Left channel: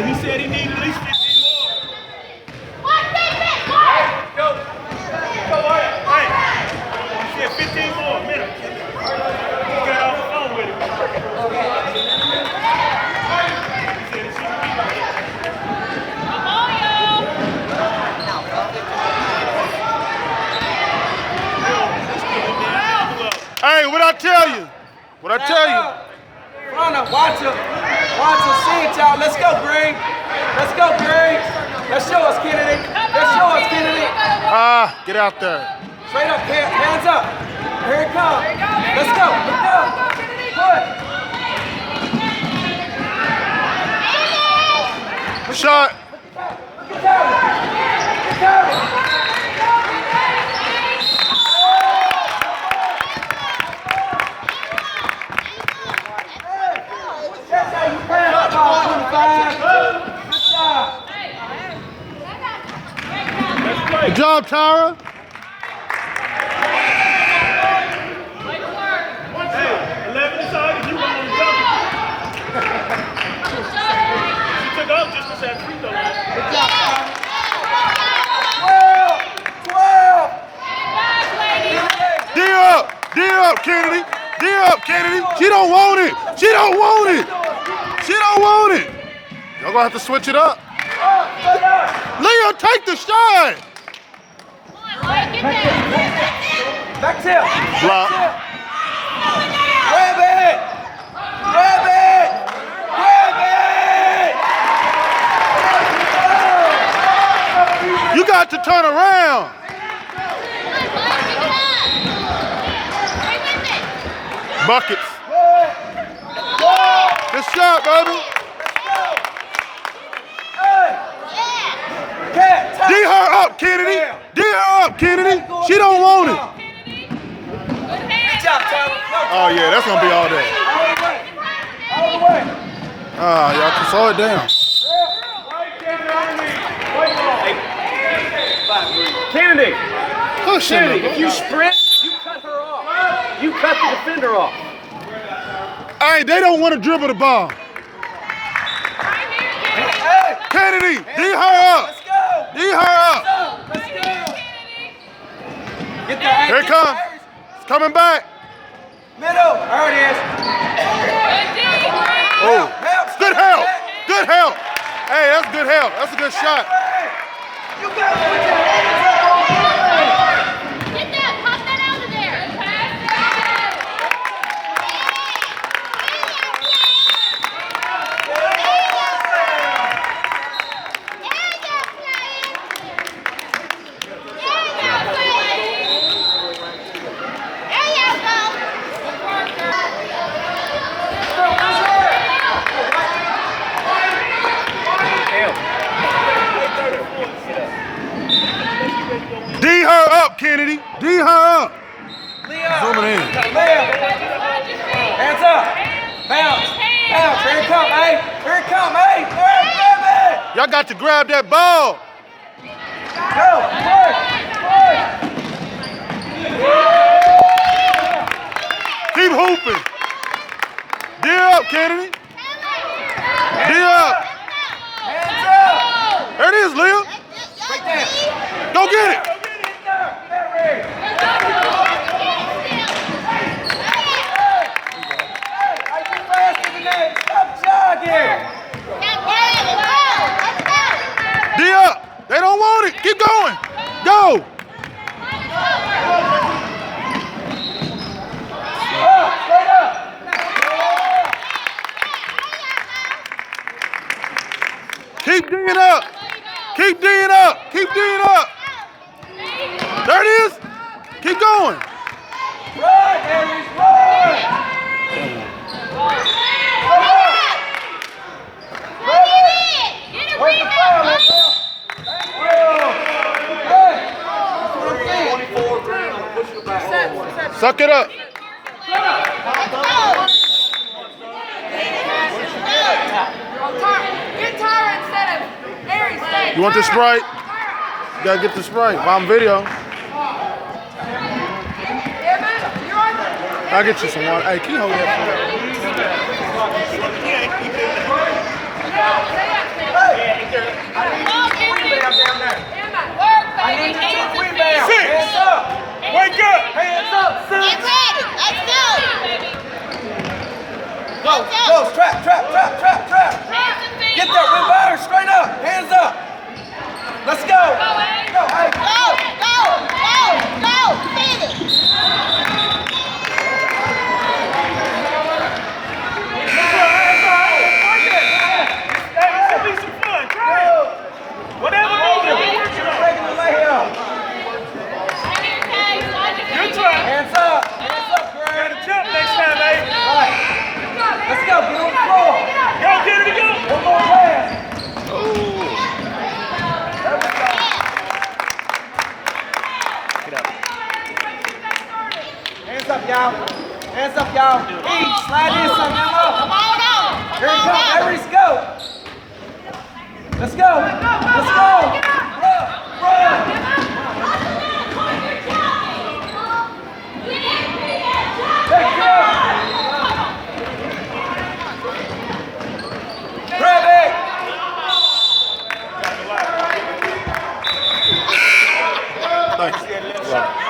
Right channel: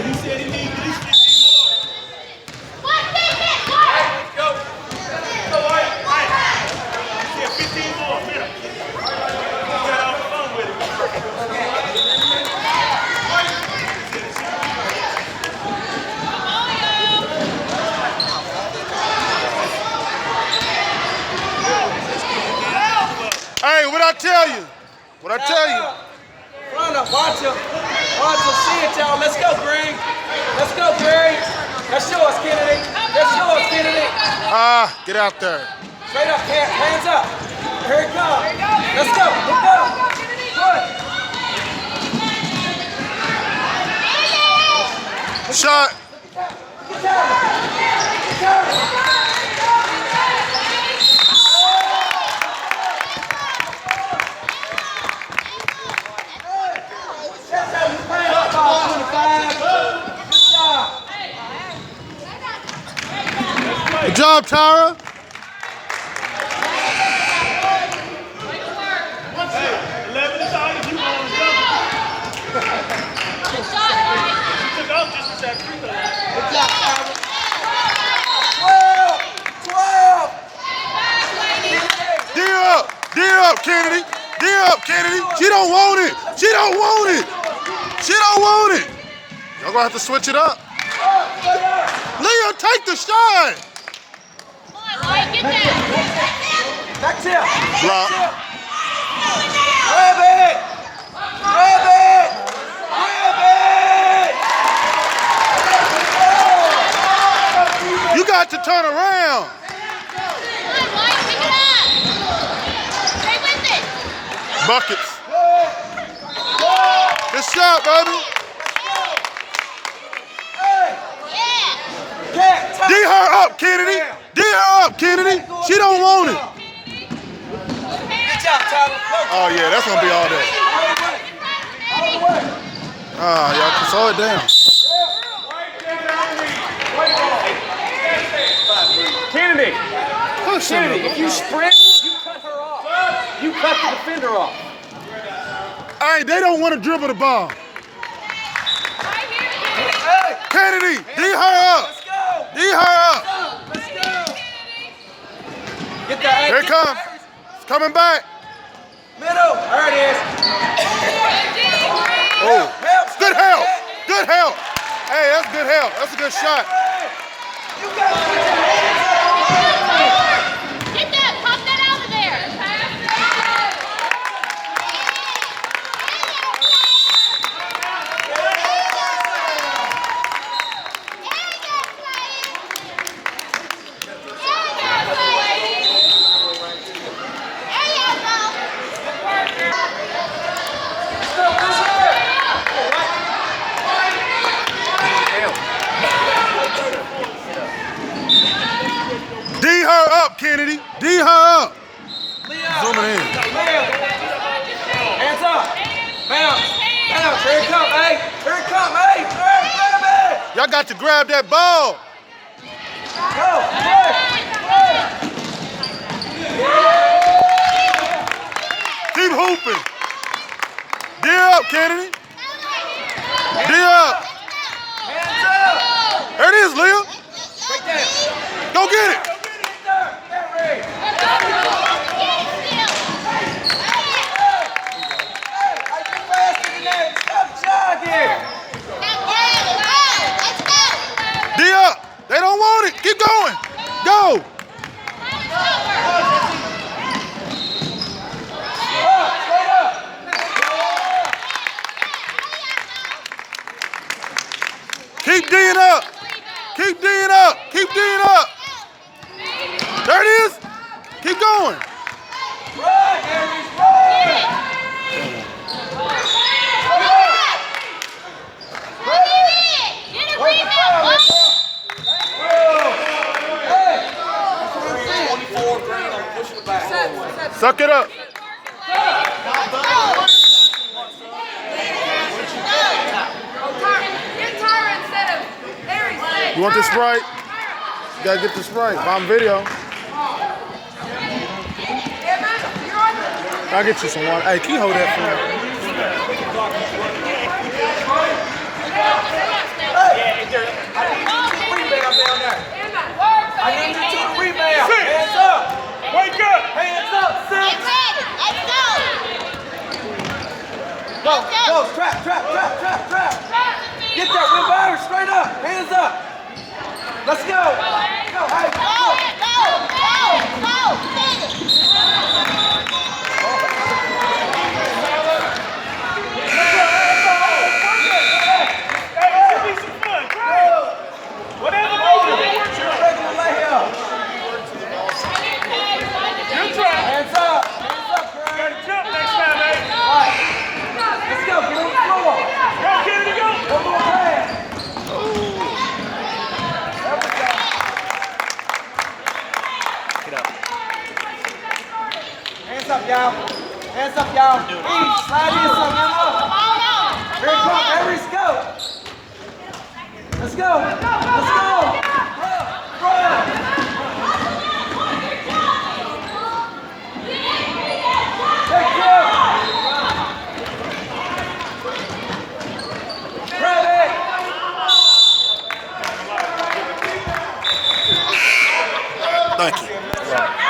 Hey, he said he needs at least 15 more. Go. Go, Mario. Hey. He said 15 more minutes. You got off the phone with him. Hey, what I tell you? What I tell you? Watch him, see it, y'all. Let's go, Green. Let's go, Green. Let's show us, Kennedy. Let's show us, Kennedy. Get out there. Straight up, hands up. Here it comes. Let's go. Let's go. Good. Shot. Look at that. Look at that. Good job, Tara. D up, Kennedy. D up, Kennedy. She don't want it. She don't want it. She don't want it. Y'all gonna have to switch it up. Leah, take the shot. Back tip. Block. Grab it. Grab it. Grab it. You got to turn around. Buckets. Good shot, baby. D her up, Kennedy. D her up, Kennedy. She don't want it. Oh yeah, that's gonna be all day. Y'all can slow it down. Kennedy. Push him. Kennedy, if you sprint, you cut her off. You cut the defender off. Hey, they don't want to dribble the ball. Kennedy, D her up. D her up. Here it comes. It's coming back. Middle. There it is. Oh, good help. Good help. Hey, that's good help. That's a good shot. D her up, Kennedy. D her up. Zooming in. Hands up. Bounce. Bounce. Here it comes, hey. Here it comes, hey. Y'all got to grab that ball. Go. Keep hooping. D up, Kennedy. D up. Hands up. There it is, Leah. Right there. Go get it. D up. They don't want it. Keep going. Go. Keep D'ing up. Keep D'ing up. Keep D'ing up. There it is. Keep going. Run, Aries, run. Where's the foul, man? Suck it up. You want the Sprite? You gotta get the Sprite. Bomb video. I'll get you some water. Hey, can you hold that for me? Go, trap. Get that win batter, straight up, hands up. Let's go. Go, hey, regular layup. Hands up, Greg. Next time, eh? All right, let's go, get on the floor. Go, Kennedy, go! One more play. There we go. Get up. Hands up, y'all. Hands up, y'all. Eat, slide in some, Emma. Here it comes, Everest, go. Let's go. Let's go. Bro. Take two. Grab it. Thank you.